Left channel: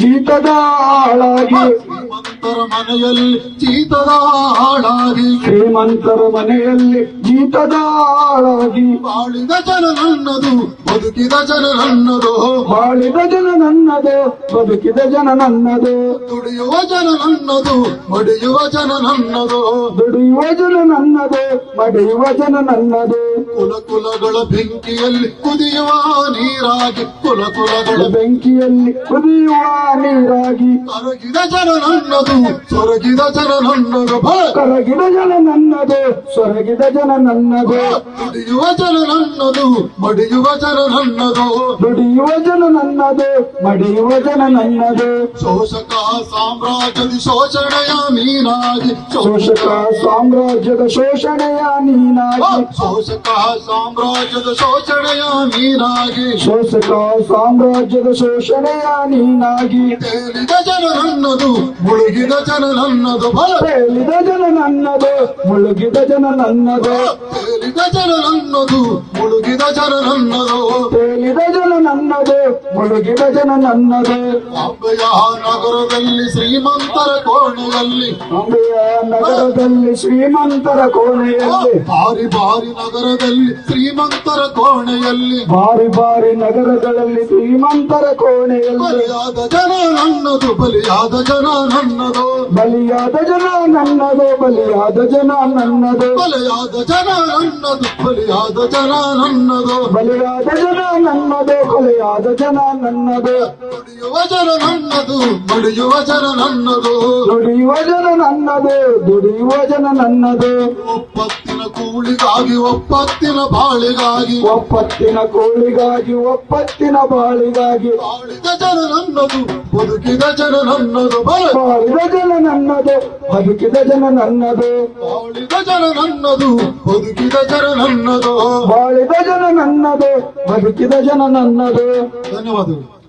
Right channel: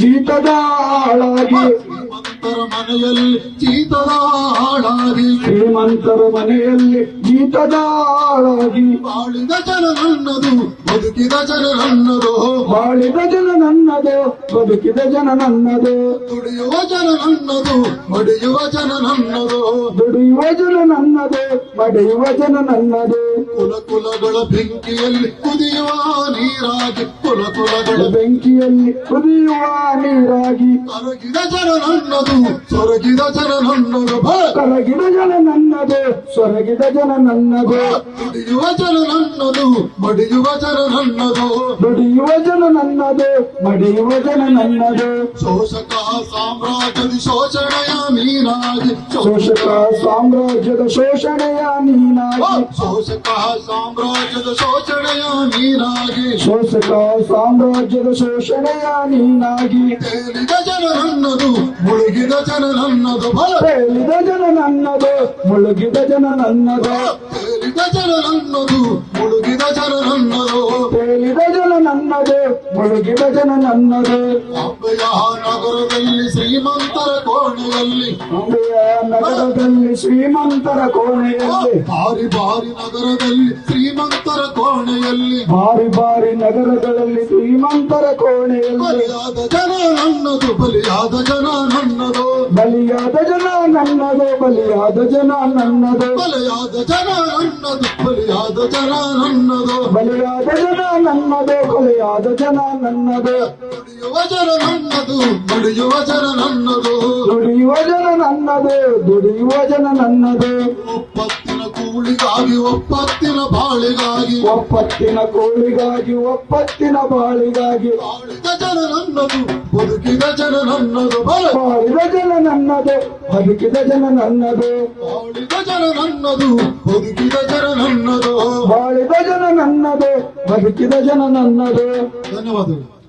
ಜೀತದ ಆಳಾಗಿ ಶ್ರೀಮಂತರ ಮನೆಯಲ್ಲಿ ಚೀತದ ಹಾಳಾಗಿ ಶ್ರೀಮಂತರ ಮನೆಯಲ್ಲಿ ಜೀತದ ಹಾಳಾಗಿ ಬಾಳಿದ ಜನ ನನ್ನದು ಬದುಕಿದ ಜನ ನನ್ನದು ಬಾಳಿದ ಜನ ನನ್ನದು ಬದುಕಿದ ಜನ ನನ್ನದು ದುಡಿಯುವ ಜನ ನನ್ನದು ಮಡಿಯುವ ಜನ ನನ್ನದು ದುಡಿಯುವ ಜನ ನನ್ನದು ಮಡಿಯುವ ಜನ ನನ್ನದು ಕುಲ ಕುಲಗಳ ಬೆಂಕಿಯಲ್ಲಿ ಕುದಿಯುವ ನೀರಾಗಿ ಕುಲ ಕುಲಗಳ ಬೆಂಕಿಯಲ್ಲಿ ಕುದಿಯುವ ನೀರಾಗಿ. ಕರಗಿದ ಜನ ನನ್ನದು ಸೊರಗಿದ ಜನ ನನ್ನದು ಕರಗಿದ ಜನ ನನ್ನದು ಸೊರಗಿದ ಜನ ನನ್ನದು. ದುಡಿಯುವ ಜನ ನನ್ನದು ಮಡಿಯುವ ಜನ ನನ್ನದು. ದುಡಿಯುವ ಜನ ನನ್ನದು ಮಡಿಯುವ ಜನ ನನ್ನದು. ಶೋಷಕ ಸಾಮ್ರಾಜ್ಯದ ಶೋಷಣೆಯ ಮೀನಾಗಿ. ಶೋಷಕ ಸಾಮ್ರಾಜ್ಯದ ಶೋಷಣೆಯ ನೀನಾಗಿ ಶೋಷಕ ಸಾಮ್ರಾಜ್ಯದ ಶೋಷಣೆಯ ಮೀನಾಗಿ. ಶೋಷಕ ಸಾಮ್ರಾಜ್ಯದ ಶೋಷಣೆಯ ನೀನಾಗಿ ತೇಲಿದ ಜನ ನನ್ನದು ಮುಳುಗಿದ ಜನ ನನ್ನದು ತೇಲಿದ ಜನ ನನ್ನದು ಮುಳುಗಿದ ಜನ ನನ್ನದು ತೇಲಿದ ಜನ ನನ್ನದು ಮುಳುಗಿದ ಜನ ನನ್ನದು ತೇಲಿದ ಜನ ನನ್ನದು ಮುಳುಗಿದ ಜನ ನನ್ನದು ಅಂಬೆಯ ನಗರದಲ್ಲಿ ಶ್ರೀಮಂತರ ಕೋಣೆಯಲ್ಲಿ. ಅಂಬೆಯ ನಗರದಲ್ಲಿ ಶ್ರೀಮಂತರ ಕೋಣೆಯಲ್ಲಿ. ಬಾರಿ ಬಾರಿ ನಗರದಲ್ಲಿ ಶ್ರೀಮಂತರ ಕೋಣೆಯಲ್ಲಿ. ಬಾರಿ ಬಾರಿ ನಗರಗಳಲ್ಲಿ ಶ್ರೀಮಂತರ ಕೋಣೆಯಲ್ಲಿ. ಬಲಿಯಾದ ಜನ ನನ್ನದು ಬಲಿಯಾದ ಜನ ನನ್ನದು ಬಲಿಯಾದ ಜನ ನನ್ನದು ಬಲಿಯಾದ ಜನ ನನ್ನದು. ಬಲಿಯಾದ ಜನ ನನ್ನದು ಬಲಿಯಾದ ಜನ ನನ್ನದು. ಬಲಿಯಾದ ಜನ ನನ್ನದು ಕೊಲೆಯಾದ ಜನ ನನ್ನದು. ದುಡಿಯುವ ಜನ ನನ್ನದು ದುಡಿಯುವ ಜನ ನನ್ನದು. ದುಡಿಯುವ ಜನ ನನ್ನದು ದುಡಿಯುವ ಜನ ನನ್ನದು. ಒಪ್ಪತ್ತಿನ ಕೂಳಿಗಾಗಿ ಒಪ್ಪತ್ತಿನ ಬಾಳಿಗಾಗಿ. ಒಪ್ಪತ್ತಿನ ಕೋಳಿಗಾಗಿ ಒಪ್ಪತ್ತಿನ ಬಾಳಿಗಾಗಿ. ಬಾಳಿದ ಜನ ನನ್ನದು ಬದುಕಿದ ಜನ ನನ್ನದು ಬಲ ಬಾಳಿದ ಜನ ನನ್ನದು ಬದುಕಿದ ಜನ ನನ್ನದು ಬಾಳಿದ ಜನ ನನ್ನದು ಬದುಕಿದ ಜನ ನನ್ನದು ಬಾಳಿದ ಜನ ನನ್ನದು ಬದುಕಿದ ಜನ ನನ್ನದು ಧನ್ಯವಾದಗಳು.